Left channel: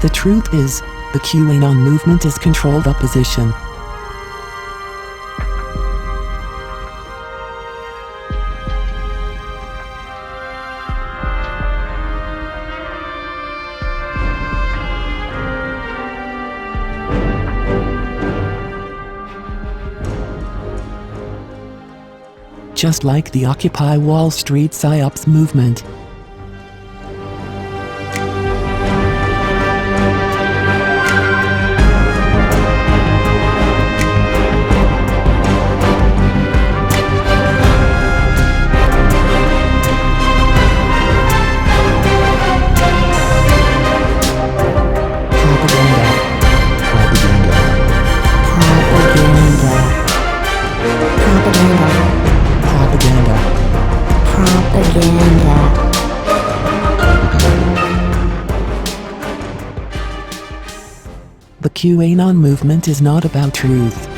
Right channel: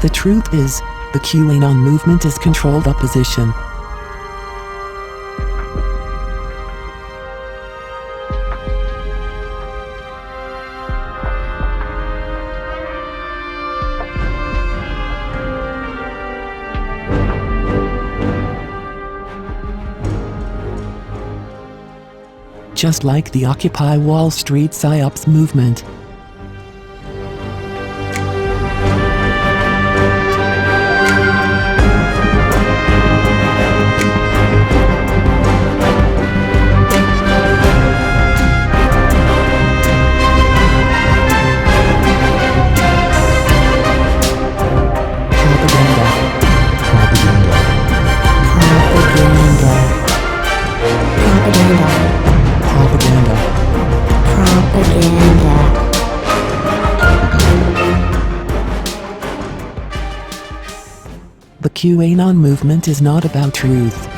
The truth is, the QAnon movement is controlled opposition. Just like the Occupy Wall Street Psyops movement. The QAnon movement is not about truth.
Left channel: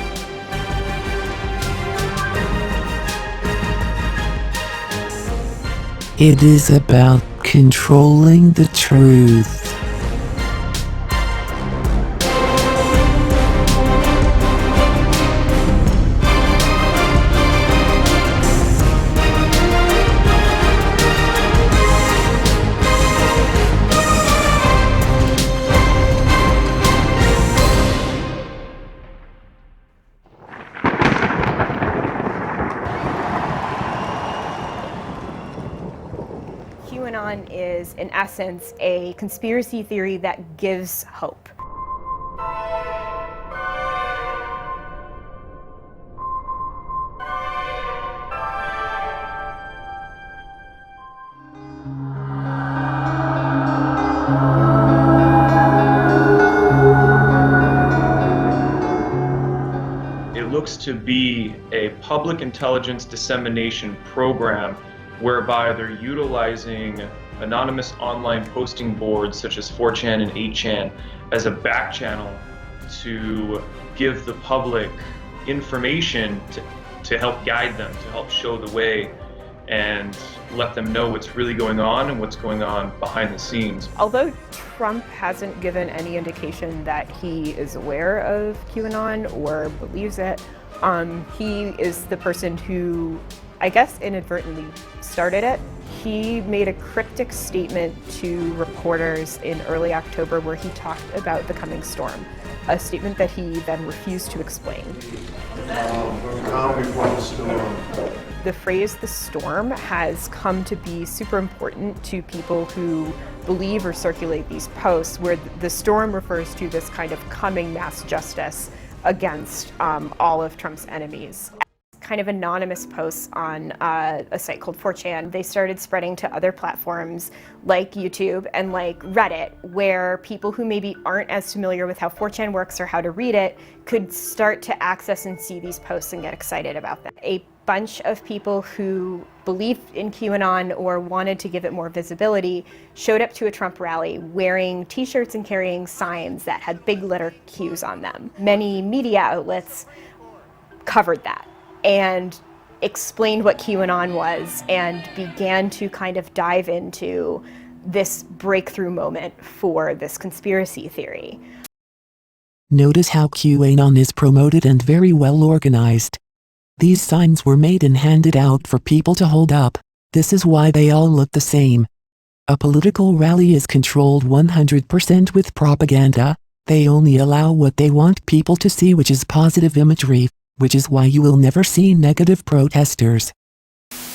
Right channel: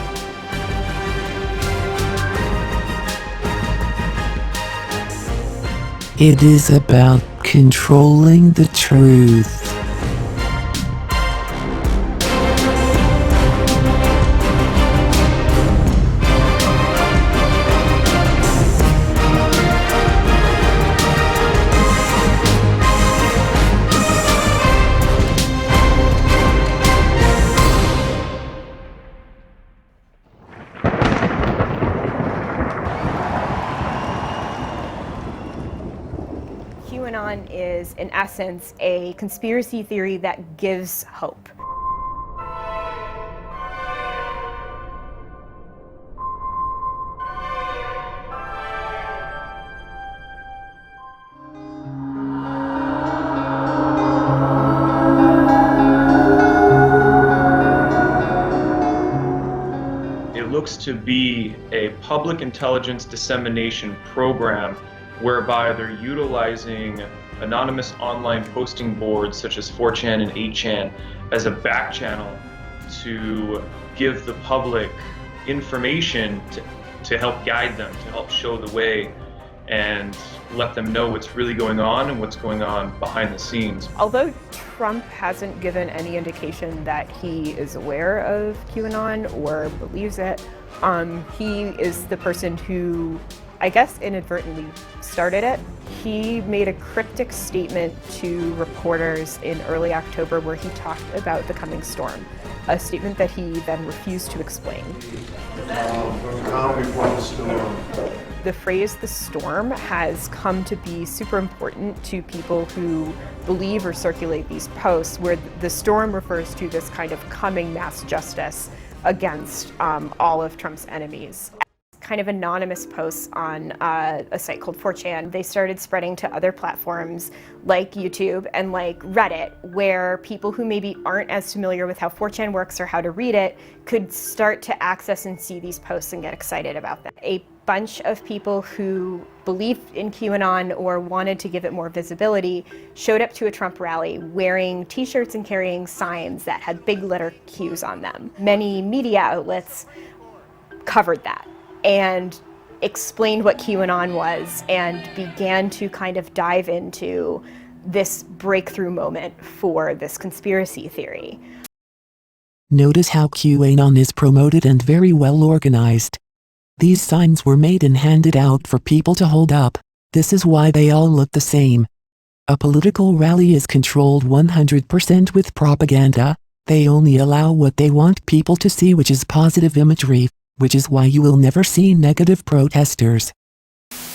It is about controlling the truth. QAnon is, in essence, a conspiracy theory that gives hope. It looks to be a public intelligence dissemination program whereby they're utilizing anonymous online posting boards such as 4chan and 8chan as a back channel to give the public information to help guide them, to help show the way and let them know what's really going on and what's going on behind the scenes. Although Trump hasn't given any indication that he is aware of QAnon or believes it, he is the person who, I guess, inadvertently started it. He made a cryptic statement to reporters in early October where he talked about the coming storm, a statement that he then refused to explain. The phrase "the storm" has come to be super important to people who believe or circulate these posts, where the storm refers to this kind of coming mass justice against all of Trump's enemies. Kind of anonymous posts on a site called 4chan. They started spreading to other platforms like YouTube and like Reddit, where people who maybe aren't as familiar with how 4chan works or how to read it could start to access and see these posts and get excited about them. A bunch of people who believed in QAnon or wanted to give it more visibility showed up to a Trump rally wearing t-shirts and carrying signs that had big letter Qs on them. Many media outlets covered that and explained what QAnon was and began to kind of dive into this breakthrough moment for this conspiracy theory. Notice how QAnon is promoted and very well organized. These signs were made and handed out for people to hold up. This is why they all look the same. A political rally is controlled 100% with propaganda. They only allow what they want people to see, which is positive imagery, which is why you will never see negative protesters.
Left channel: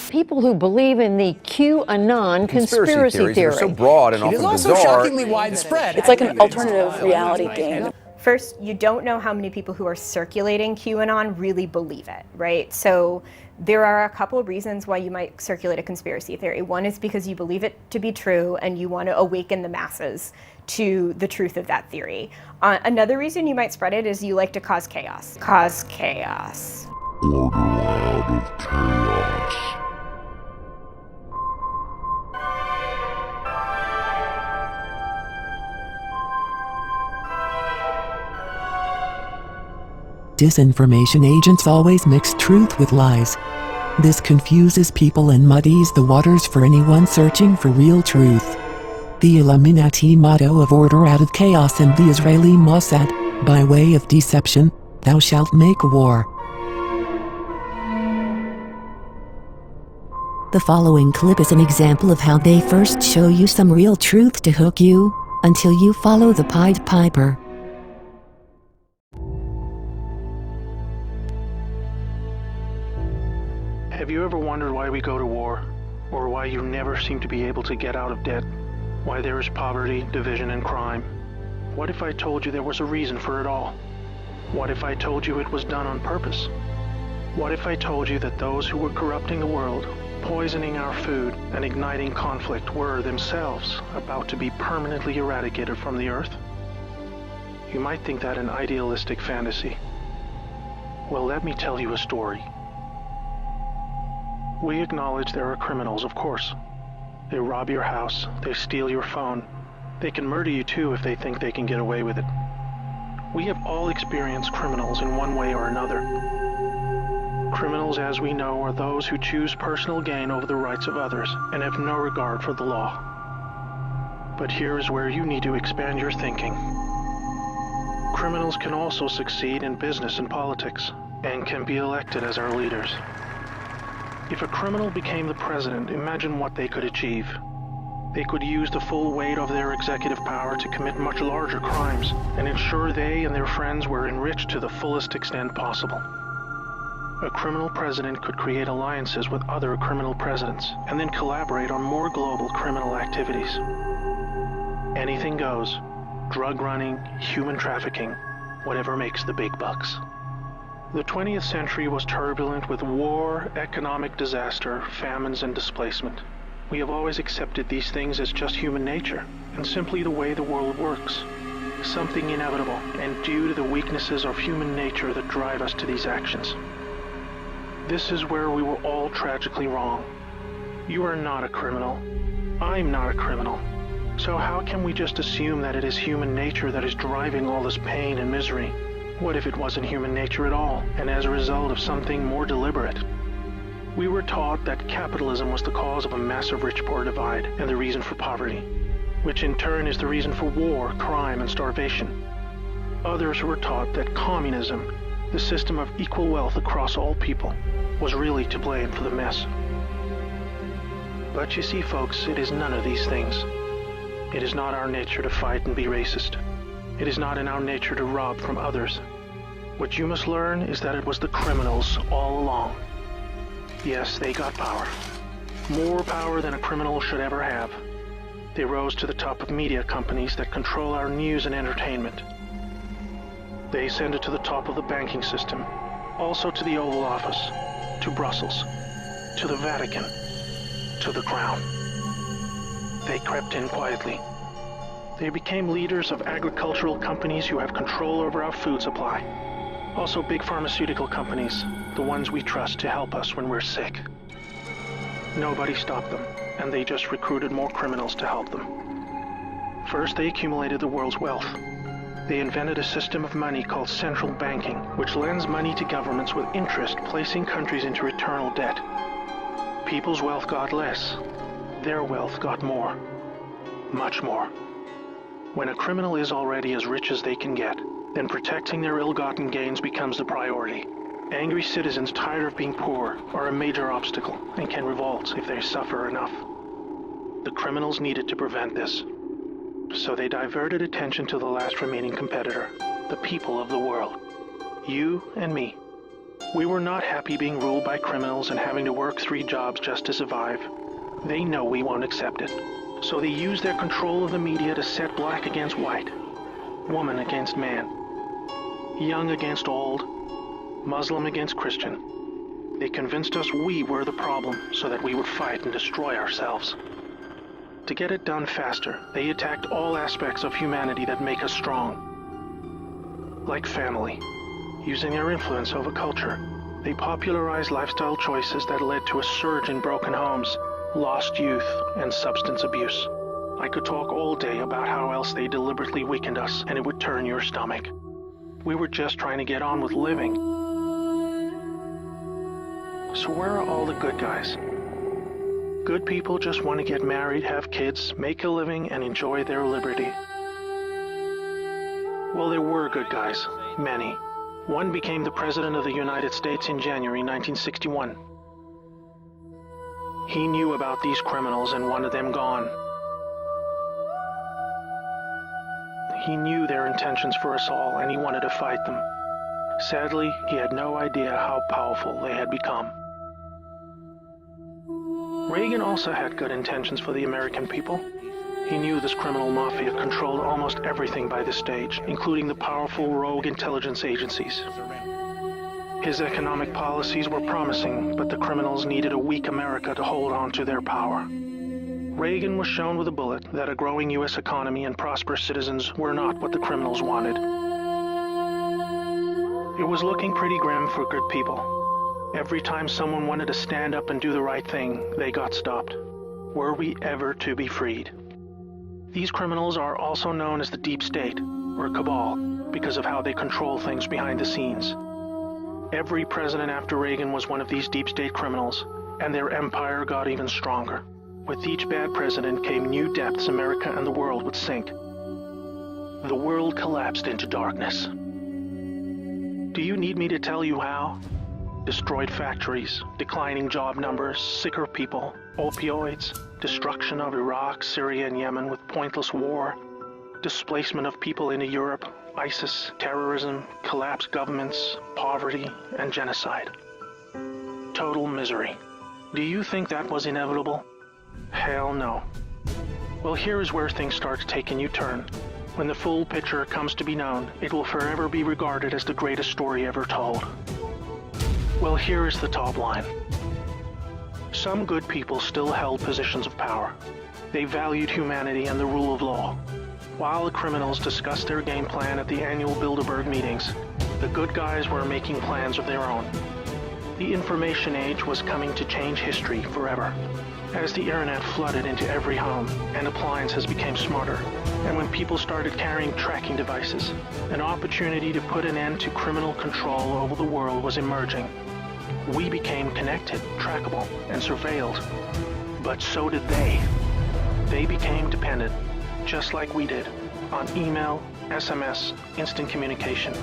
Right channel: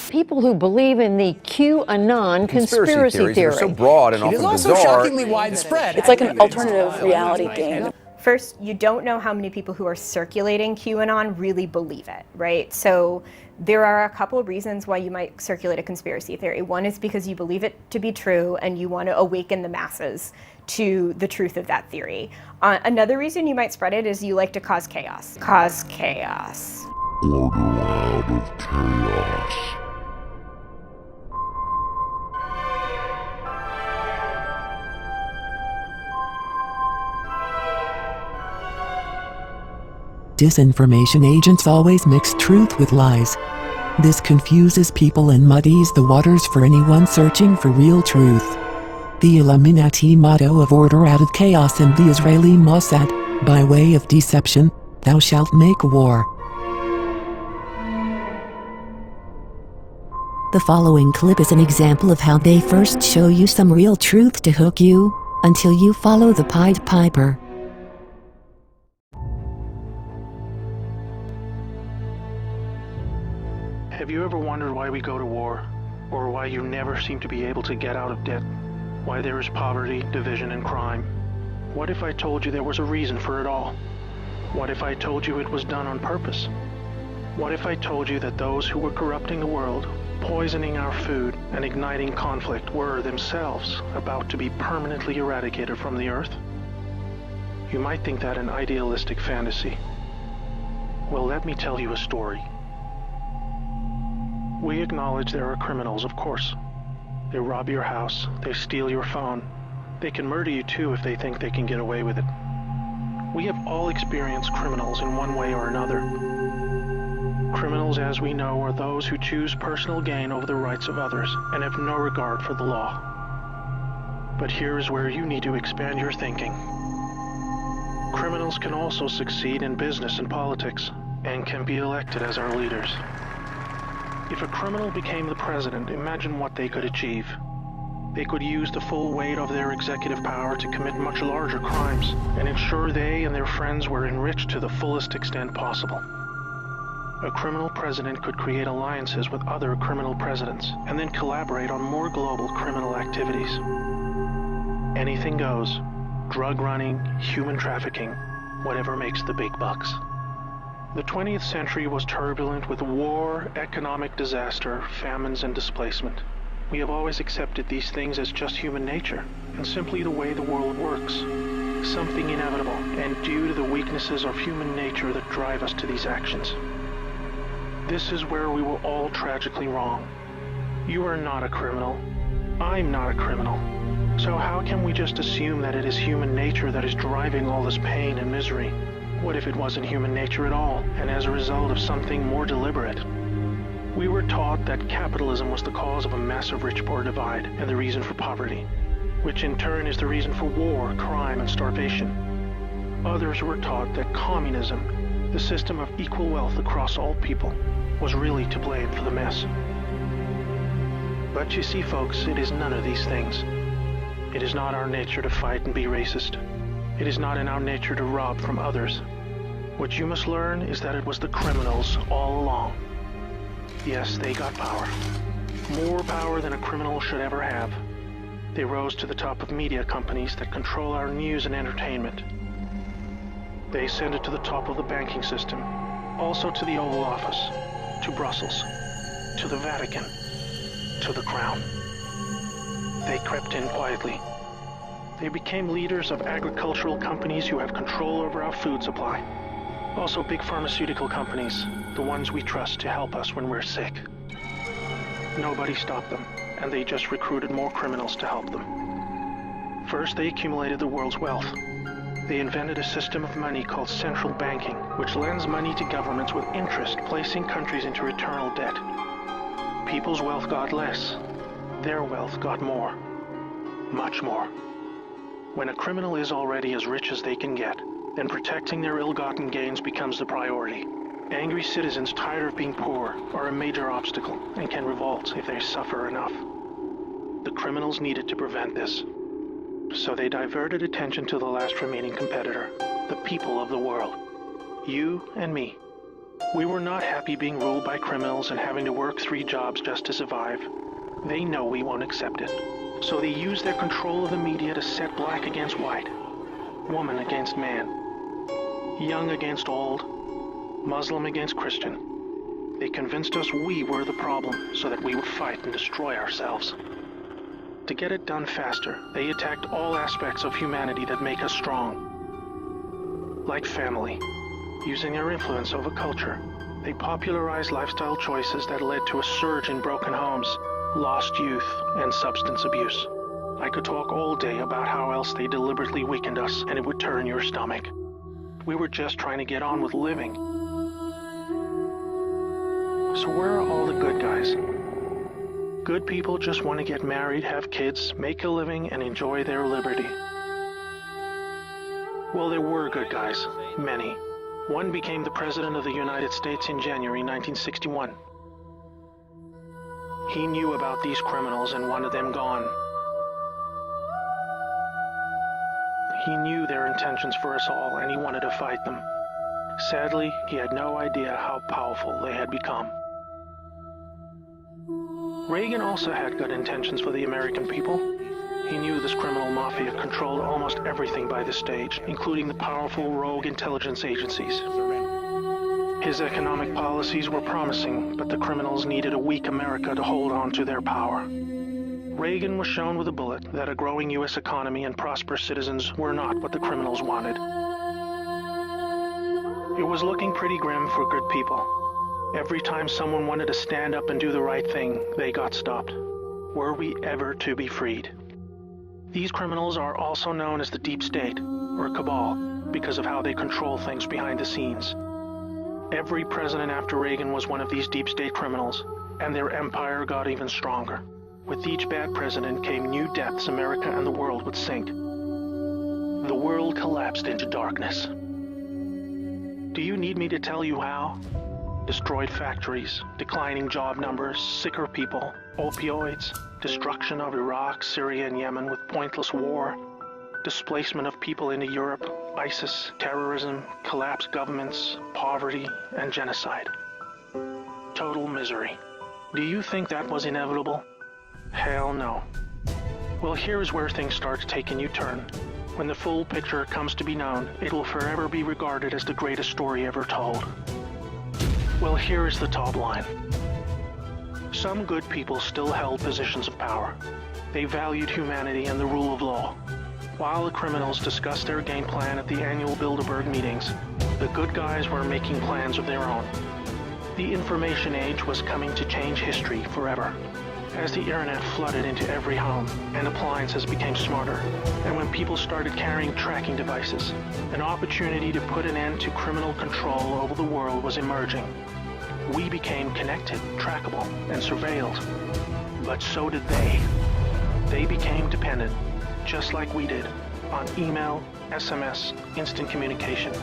People who believe in the QAnon conspiracy theory. Are so broad and It often is also bizarre. shockingly widespread. It's like an alternative reality game. First, you don't know how many people who are circulating QAnon really believe it, right? So there are a couple of reasons why you might circulate a conspiracy theory. One is because you believe it to be true and you want to awaken the masses to the truth of that theory. Another reason you might spread it is you like to cause chaos. Cause chaos. Order out of chaos. Disinformation agents always mix truth with lies. This confuses people and muddies the waters for anyone searching for real truth. The Illuminati motto of order out of chaos, and the Israeli Mossad, by way of deception, thou shalt make war. The following clip is an example of how they first show you some real truth to hook you, until you follow the Pied Piper. Have you ever wondered why we go to war? Or why you never seem to be able to get out of debt? Why there is poverty, division, and crime? What if I told you there was a reason for it all? What if I told you it was done on purpose? What if I told you that those who were corrupting the world, poisoning our food, and igniting conflict were themselves about to be permanently eradicated from the earth? You might think that an idealistic fantasy. Well, let me tell you a story. We acknowledge there are criminals, of course. They rob your house, they steal your phone. They can murder you too if they think they can get away with it. We have all experienced criminals in one way or another. Criminals, as we know, are those who choose personal gain over the rights of others and have no regard for the law. But here is where you need to expand your thinking. Criminals can also succeed in business and politics, and can be elected as our leaders. If a criminal became the president, imagine what they could achieve. They could use the full weight of their executive power to commit much larger crimes, and ensure they and their friends were enriched to the fullest extent possible. A criminal president could create alliances with other criminal presidents, and then collaborate on more global criminal activities. Anything goes. Drug running, human trafficking, whatever makes the big bucks. The 20th century was turbulent with war, economic disaster, famines, and displacement. We have always accepted these things as just human nature, and simply the way the world works. Something inevitable, and due to the weaknesses of human nature that drive us to these actions. This is where we were all tragically wrong. You are not a criminal. I'm not a criminal. So how can we just assume that it is human nature that is driving all this pain and misery? What if it wasn't human nature at all, and as a result of something more deliberate? We were taught that capitalism was the cause of a massive rich-poor divide and the reason for poverty, which in turn is the reason for war, crime, and starvation. Others were taught that communism, a system of equal wealth across all people, was really to blame for the mess. But you see, folks, it is none of these things. It is not our nature to fight and be racist. It is not in our nature to rob from others. What you must learn is that it was the criminals all along. Yes, they got power. More power than a criminal should ever have. They rose to the top of media companies that control our news and entertainment. They ascended to the top of the banking system, also to the Oval Office, to Brussels, to the Vatican, to the Crown. They crept in quietly. They became leaders of agricultural companies who have control over our food supply. Also big pharmaceutical companies, the ones we trust to help us when we're sick. Nobody stopped them, and they just recruited more criminals to help them. First, they accumulated the world's wealth. They invented a system of money called central banking, which lends money to governments with interest, placing countries into eternal debt. People's wealth got less. Their wealth got more. Much more. When a criminal is already as rich as they can get, then protecting their ill-gotten gains becomes the priority. Angry citizens tired of being poor are a major obstacle and can revolt if they suffer enough. The criminals needed to prevent this, so they diverted attention to the last remaining competitor, the people of the world. You and me. We were not happy being ruled by criminals and having to work 3 jobs just to survive. They know we won't accept it. So they use their control of the media to set black against white, woman against man, young against old, Muslim against Christian. They convinced us we were the problem so that we would fight and destroy ourselves. To get it done faster, they attacked all aspects of humanity that make us strong. Like family, using their influence over culture. They popularized lifestyle choices that led to a surge in broken homes, lost youth, and substance abuse. I could talk all day about how else they deliberately weakened us, and it would turn your stomach. We were just trying to get on with living. So where are all the good guys? Good people people just want to get married, have kids, make a living, and enjoy their liberty. Well, there were good guys. Many. One became the President of the United States in January 1961. He knew about these criminals and wanted them gone. He knew their intentions for us all, and he wanted to fight them. Sadly, he had no idea how powerful they had become. Reagan also had good intentions for the American people. He knew this criminal mafia controlled almost everything by this stage, including the powerful rogue intelligence agencies. His economic policies were promising, but the criminals needed a weak America to hold on to their power. Reagan was shown with a bullet that a growing U.S. economy and prosperous citizens were not what the criminals wanted. It was looking pretty grim for good people. Every time someone wanted to stand up and do the right thing, they got stopped. Were we ever to be freed? These criminals are also known as the Deep State, or Cabal, because of how they control things behind the scenes. Every president after Reagan was one of these Deep State criminals, and their empire got even stronger. With each bad president came new depths America and the world would sink. The world collapsed into darkness. Do you need me to tell you how? Destroyed factories, declining job numbers, sicker people, opioids, destruction of Iraq, Syria, and Yemen with pointless war, displacement of people into Europe, ISIS, terrorism, collapsed governments, poverty, and genocide. Total misery. Do you think that was inevitable? Hell no. Well, here is where things start to take a new turn. When the full picture comes to be known, it will forever be regarded as the greatest story ever told. Well, here is the top line. Some good people still held positions of power. They valued humanity and the rule of law. While the criminals discussed their game plan at the annual Bilderberg meetings, the good guys were making plans of their own. The information age was coming to change history forever. As the internet flooded into every home and appliances became smarter, and when people started carrying tracking devices, an opportunity to put an end to criminal control over the world was emerging. We became connected, trackable, and surveilled. But so did they. They became dependent, just like we did, on email, SMS, instant communication.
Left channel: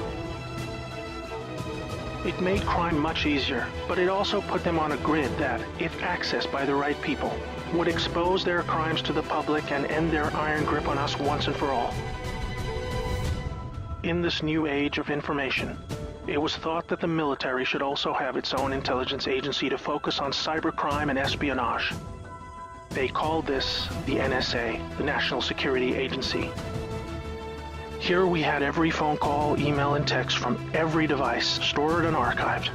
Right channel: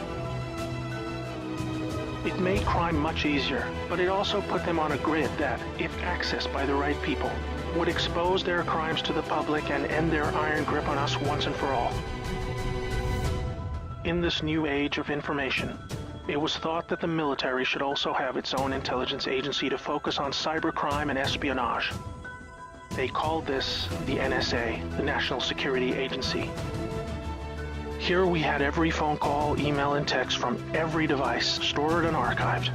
It made crime much easier, but it also put them on a grid that, if accessed by the right people, would expose their crimes to the public and end their iron grip on us once and for all. In this new age of information, it was thought that the military should also have its own intelligence agency to focus on cybercrime and espionage. They called this the NSA, the National Security Agency. Here we had every phone call, email, and text from every device stored and archived.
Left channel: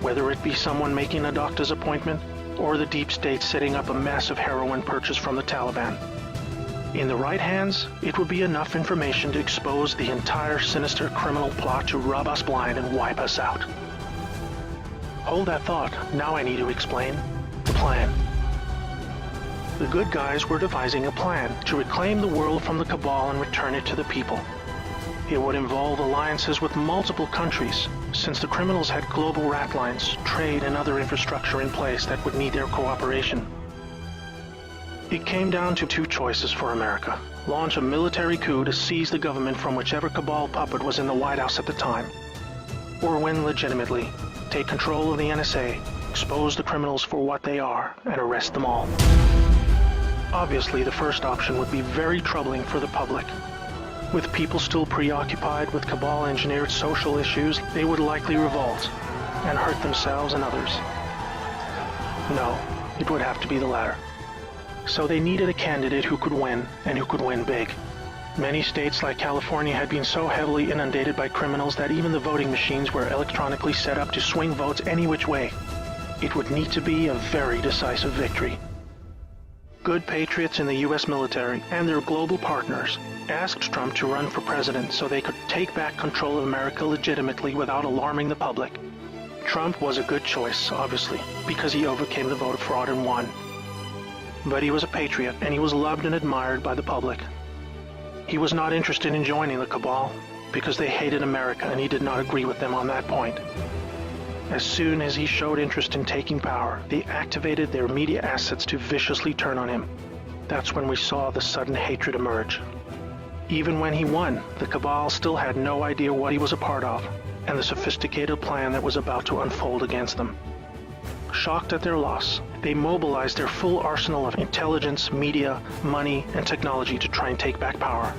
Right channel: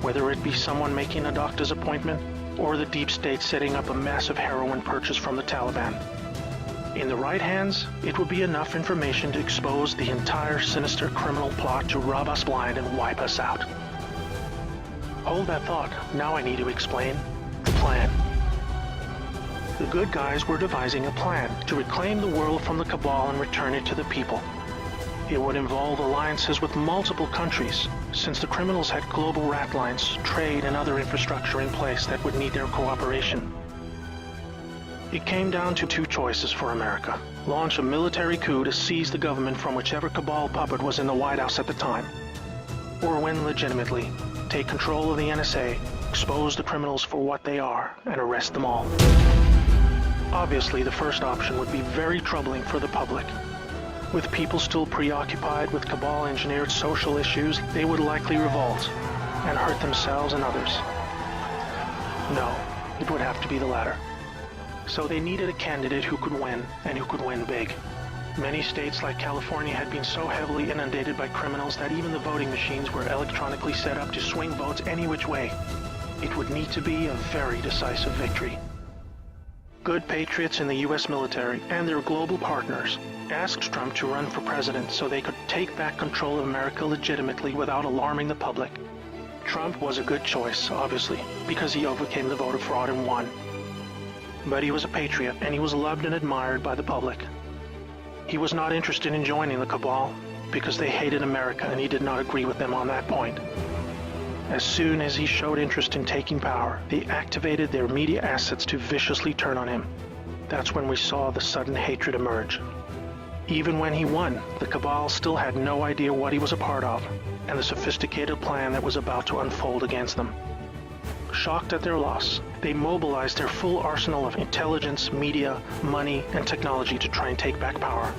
Whether it be someone making a doctor's appointment, or the Deep State setting up a massive heroin purchase from the Taliban. In the right hands, it would be enough information to expose the entire sinister criminal plot to rob us blind and wipe us out. Hold that thought, now I need to explain the plan. The good guys were devising a plan to reclaim the world from the cabal and return it to the people. It would involve alliances with multiple countries, since the criminals had global rat lines, trade, and other infrastructure in place that would need their cooperation. It came down to two choices for America. Launch a military coup to seize the government from whichever cabal puppet was in the White House at the time. Or win legitimately, take control of the NSA, expose the criminals for what they are, and arrest them all. Obviously, the first option would be very troubling for the public. With people still preoccupied with cabal-engineered social issues, they would likely revolt and hurt themselves and others. No, it would have to be the latter. So they needed a candidate who could win, and who could win big. Many states like California had been so heavily inundated by criminals that even the voting machines were electronically set up to swing votes any which way. It would need to be a very decisive victory. Good patriots in the U.S. military and their global partners asked Trump to run for president so they could take back control of America legitimately without alarming the public. Trump was a good choice, obviously, because he overcame the voter fraud and won. But he was a patriot, and he was loved and admired by the public. He was not interested in joining the cabal, because they hated America and he did not agree with them on that point. As soon as he showed interest in taking power, they activated their media assets to viciously turn on him. That's when we saw the sudden hatred emerge. Even when he won, the cabal still had no idea what he was a part of, and the sophisticated plan that was about to unfold against them. Shocked at their loss, they mobilized their full arsenal of intelligence, media, money, and technology to try and take back power.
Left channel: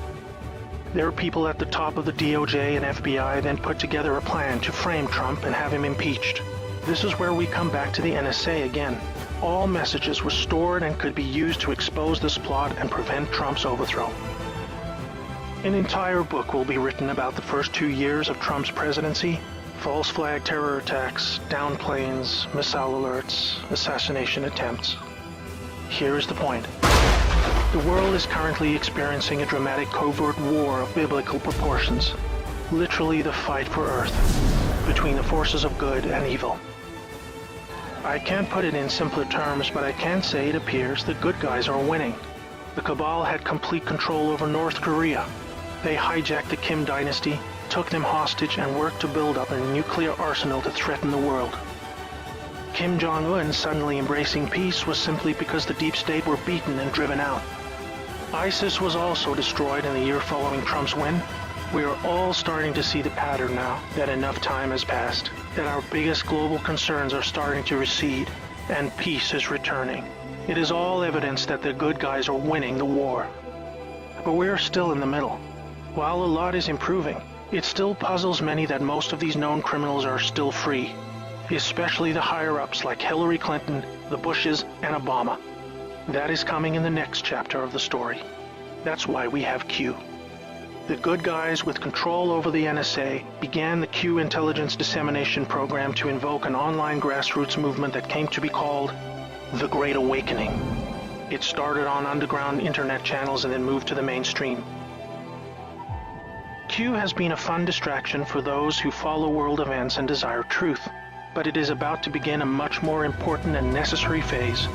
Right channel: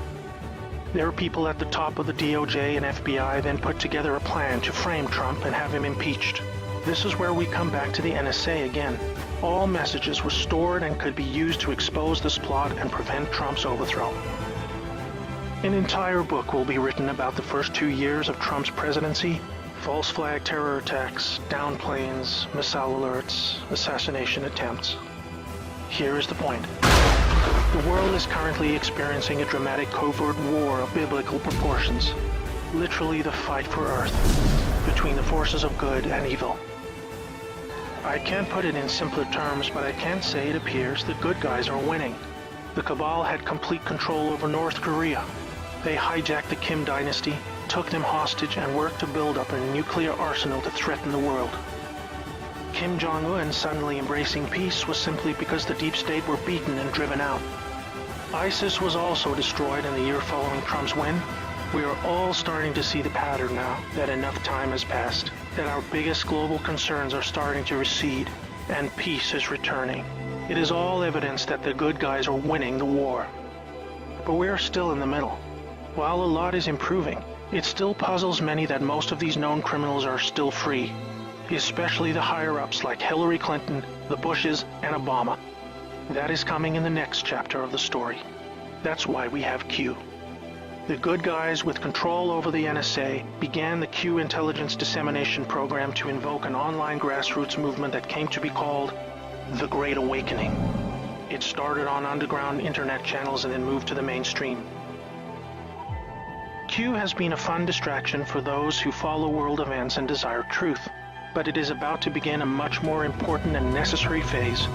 Their people at the top of the DOJ and FBI then put together a plan to frame Trump and have him impeached. This is where we come back to the NSA again. All messages were stored and could be used to expose this plot and prevent Trump's overthrow. An entire book will be written about the first 2 years of Trump's presidency. False flag terror attacks, down planes, missile alerts, assassination attempts. Here is the point. The world is currently experiencing a dramatic covert war of biblical proportions. Literally the fight for Earth, between the forces of good and evil. I can't put it in simpler terms, but I can say it appears the good guys are winning. The cabal had complete control over North Korea. They hijacked the Kim dynasty, took them hostage, and worked to build up a nuclear arsenal to threaten the world. Kim Jong-un suddenly embracing peace was simply because the deep state were beaten and driven out. ISIS was also destroyed in the year following Trump's win. We are all starting to see the pattern now, that enough time has passed, that our biggest global concerns are starting to recede, and peace is returning. It is all evidence that the good guys are winning the war. But we are still in the middle. While a lot is improving, it still puzzles many that most of these known criminals are still free, especially the higher-ups like Hillary Clinton, the Bushes, and Obama. That is coming in the next chapter of the story. That's why we have Q. The good guys with control over the NSA began the Q intelligence dissemination program to invoke an online grassroots movement that came to be called the Great Awakening. It started on underground internet channels and then moved to the mainstream. Q has been a fun distraction for those who follow world events and desire truth, but it is about to begin a much more important and necessary phase,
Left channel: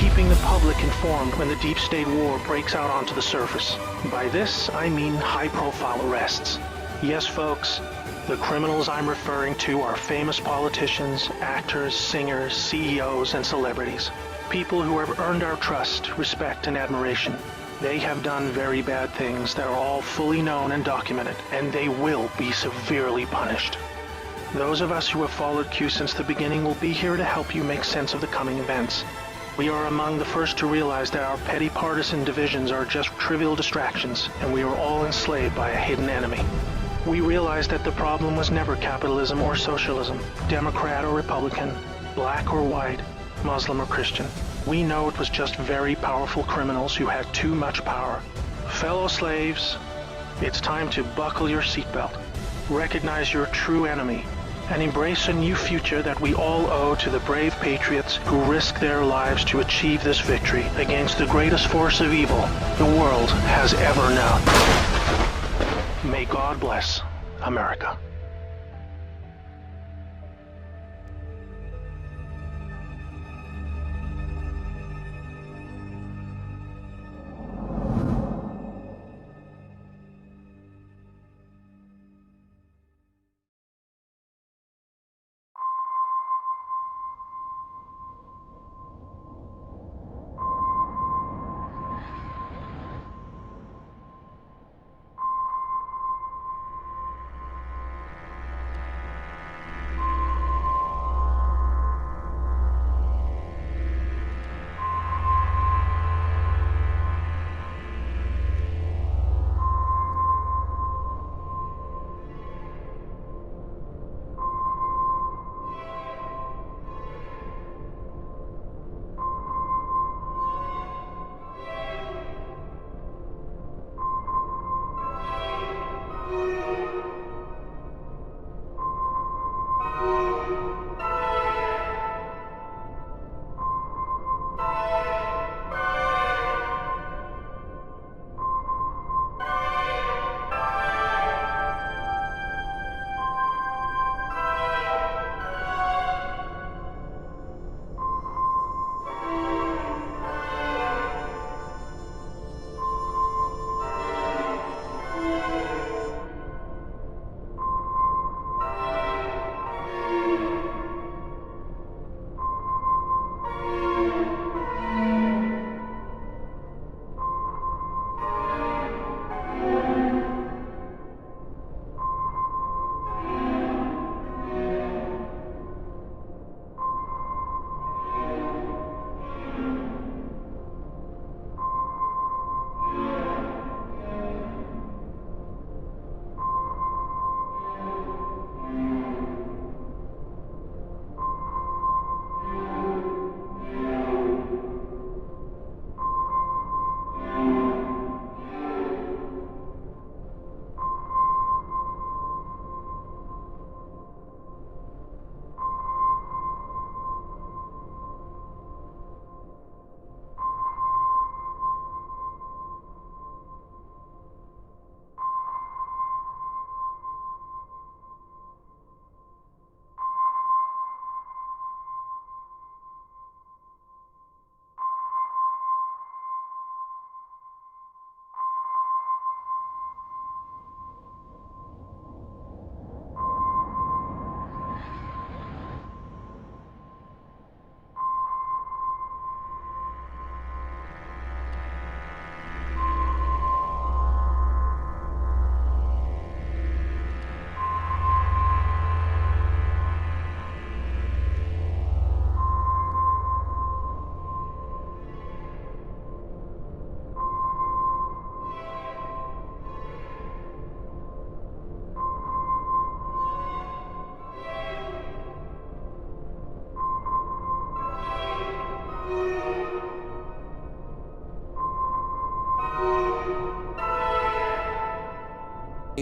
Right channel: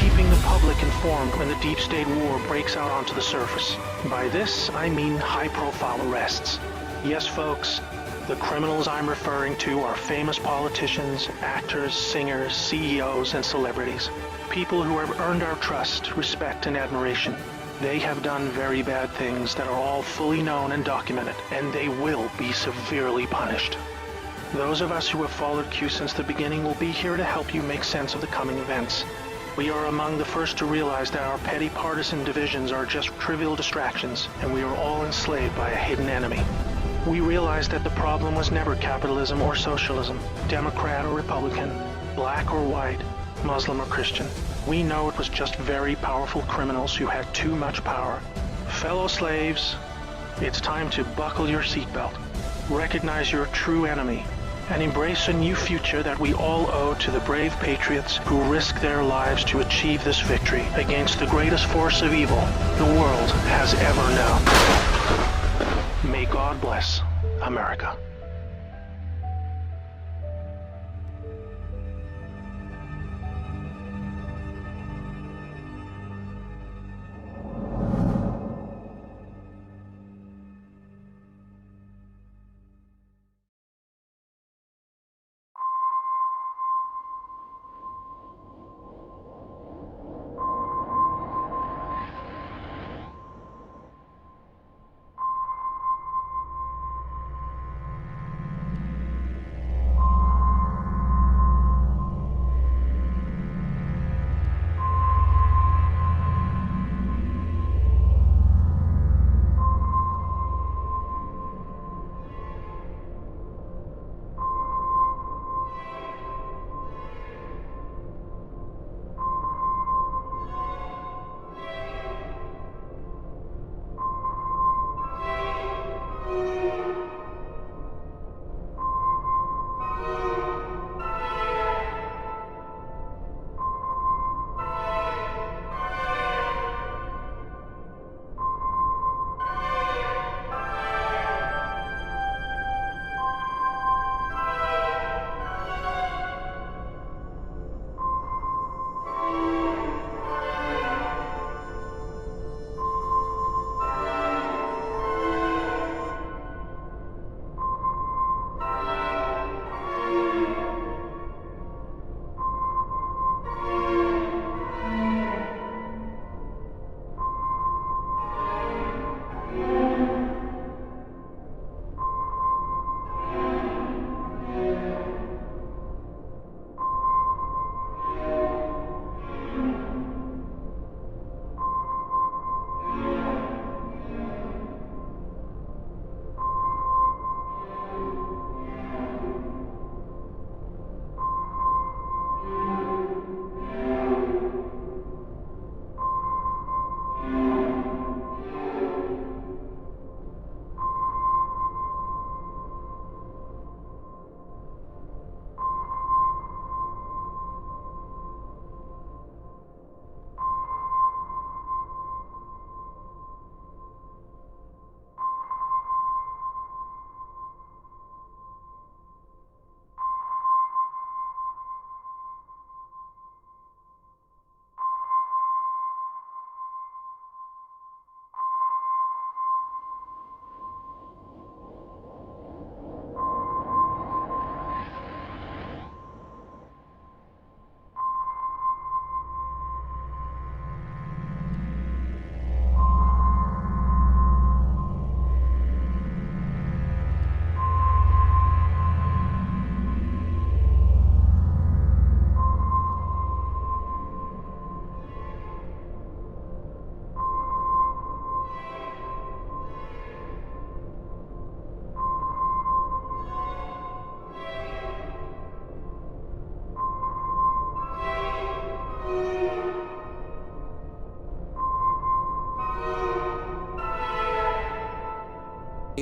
keeping the public informed when the deep state war breaks out onto the surface. By this, I mean high-profile arrests. Yes, folks, the criminals I'm referring to are famous politicians, actors, singers, CEOs, and celebrities. People who have earned our trust, respect, and admiration. They have done very bad things that are all fully known and documented, and they will be severely punished. Those of us who have followed Q since the beginning will be here to help you make sense of the coming events. We are among the first to realize that our petty partisan divisions are just trivial distractions, and we are all enslaved by a hidden enemy. We realized that the problem was never capitalism or socialism, Democrat or Republican, black or white, Muslim or Christian. We know it was just very powerful criminals who had too much power. Fellow slaves, it's time to buckle your seatbelt, recognize your true enemy, and embrace a new future that we all owe to the brave patriots who risk their lives to achieve this victory against the greatest force of evil the world has ever known. May God bless America.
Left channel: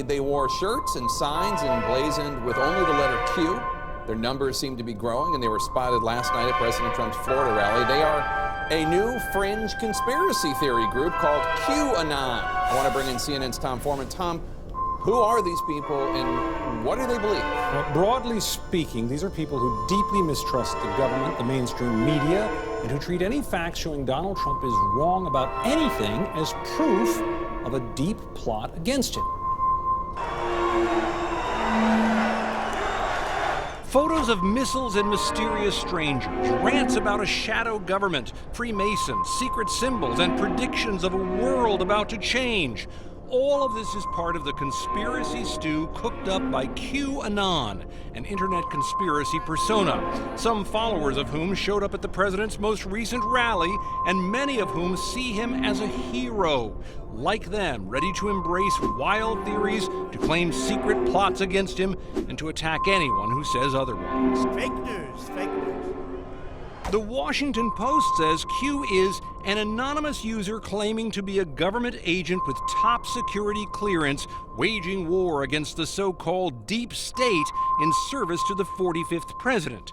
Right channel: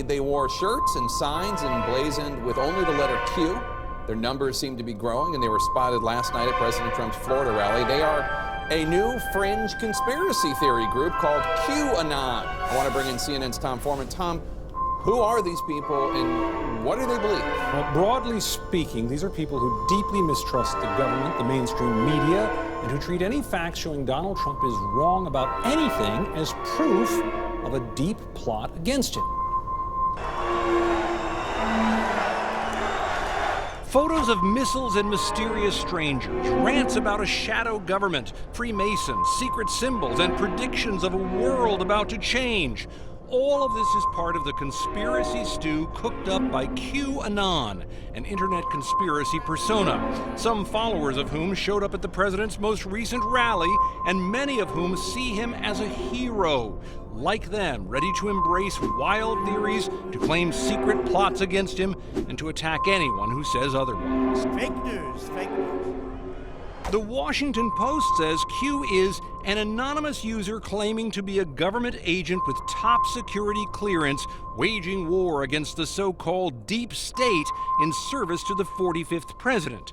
They wore shirts and signs emblazoned with only the letter Q. Their numbers seem to be growing, and they were spotted last night at President Trump's Florida rally. They are a new fringe conspiracy theory group called QAnon. I want to bring in CNN's Tom Foreman. Tom, who are these people and what do they believe? Well, broadly speaking, these are people who deeply mistrust the government, the mainstream media, and who treat any facts showing Donald Trump is wrong about anything as proof of a deep plot against him. Photos of missiles and mysterious strangers, rants about a shadow government, Freemasons, secret symbols, and predictions of a world about to change. All of this is part of the conspiracy stew cooked up by QAnon, an internet conspiracy persona, some followers of whom showed up at the president's most recent rally, and many of whom see him as a hero. Like them, ready to embrace wild theories, to claim secret plots against him, and to attack anyone who says otherwise. Fake news, fake news. The Washington Post says Q is an anonymous user claiming to be a government agent with top security clearance, waging war against the so-called deep state in service to the 45th president.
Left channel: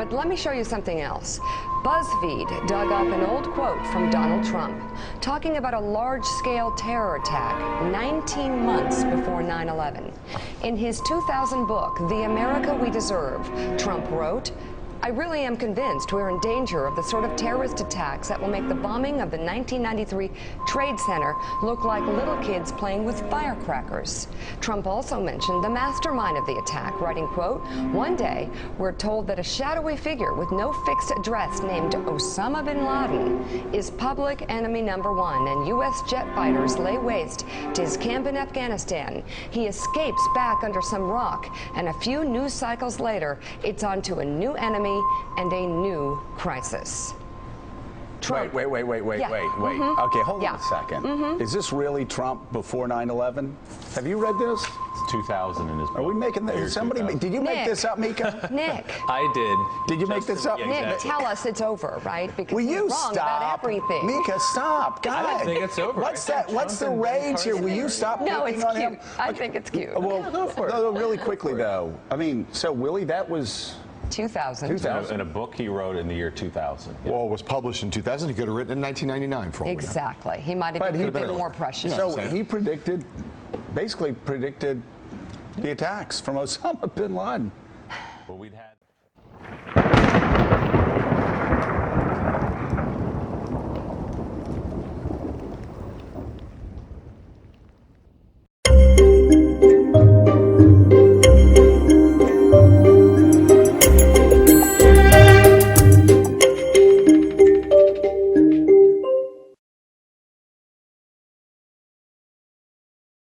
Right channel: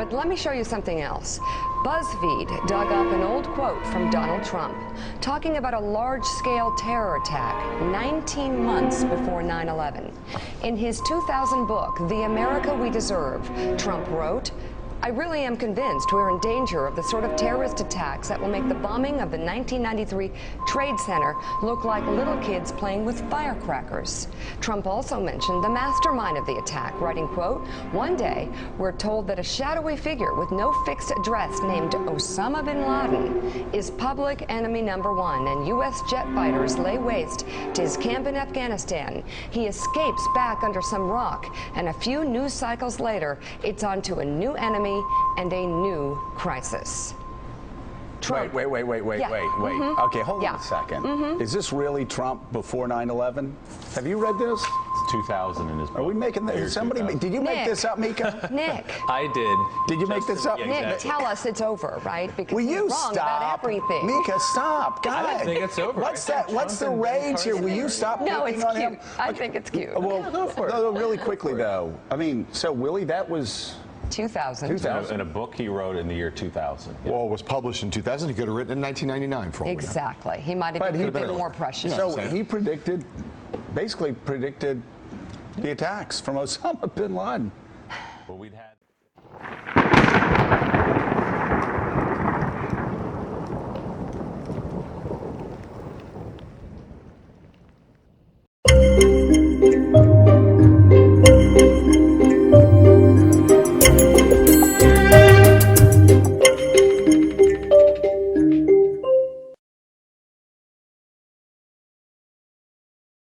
But let me show you something else. BuzzFeed dug up an old quote from Donald Trump talking about a large-scale terror attack 19 months before 9/11. In his 2000 book, The America We Deserve, Trump wrote, "I really am convinced we're in danger of the sort of terrorist attacks that will make the bombing of the 1993 Trade Center look like little kids playing with firecrackers." Trump also mentioned the mastermind of the attack, writing, quote, "One day, we're told that a shadowy figure with no fixed address named Osama bin Laden is public enemy number one, and U.S. jet fighters lay waste to his camp in Afghanistan. He escapes back under some rock, and a few news cycles later, it's on to a new enemy and a new crisis." Trump. Wait. Yeah. Okay, hold on a second. Is this really Trump before 9/11? Have you read this? It's 2000 in his book. Are we making this? Somebody, did you make this up, Mika? Nick. I did. Did you make this up? Nick, exactly. tell us it's over, right? Because Will he's you wrong stop? about everything. Mika, stop. God. I don't think it's over. What's that? What's the rage here? Will you stop No, picking it's on cute. him? I think it's cute. Well, go for it. No, really quickly, though. I mean, so Willie, that was 2000. In a book he wrote in the year 2000. Well, it was published in 2000. He could have written in 1999 for all we know. Exactly. He might have been a bit more prescient. So he basically predicted the attacks from Osama bin Laden. Well, we'd had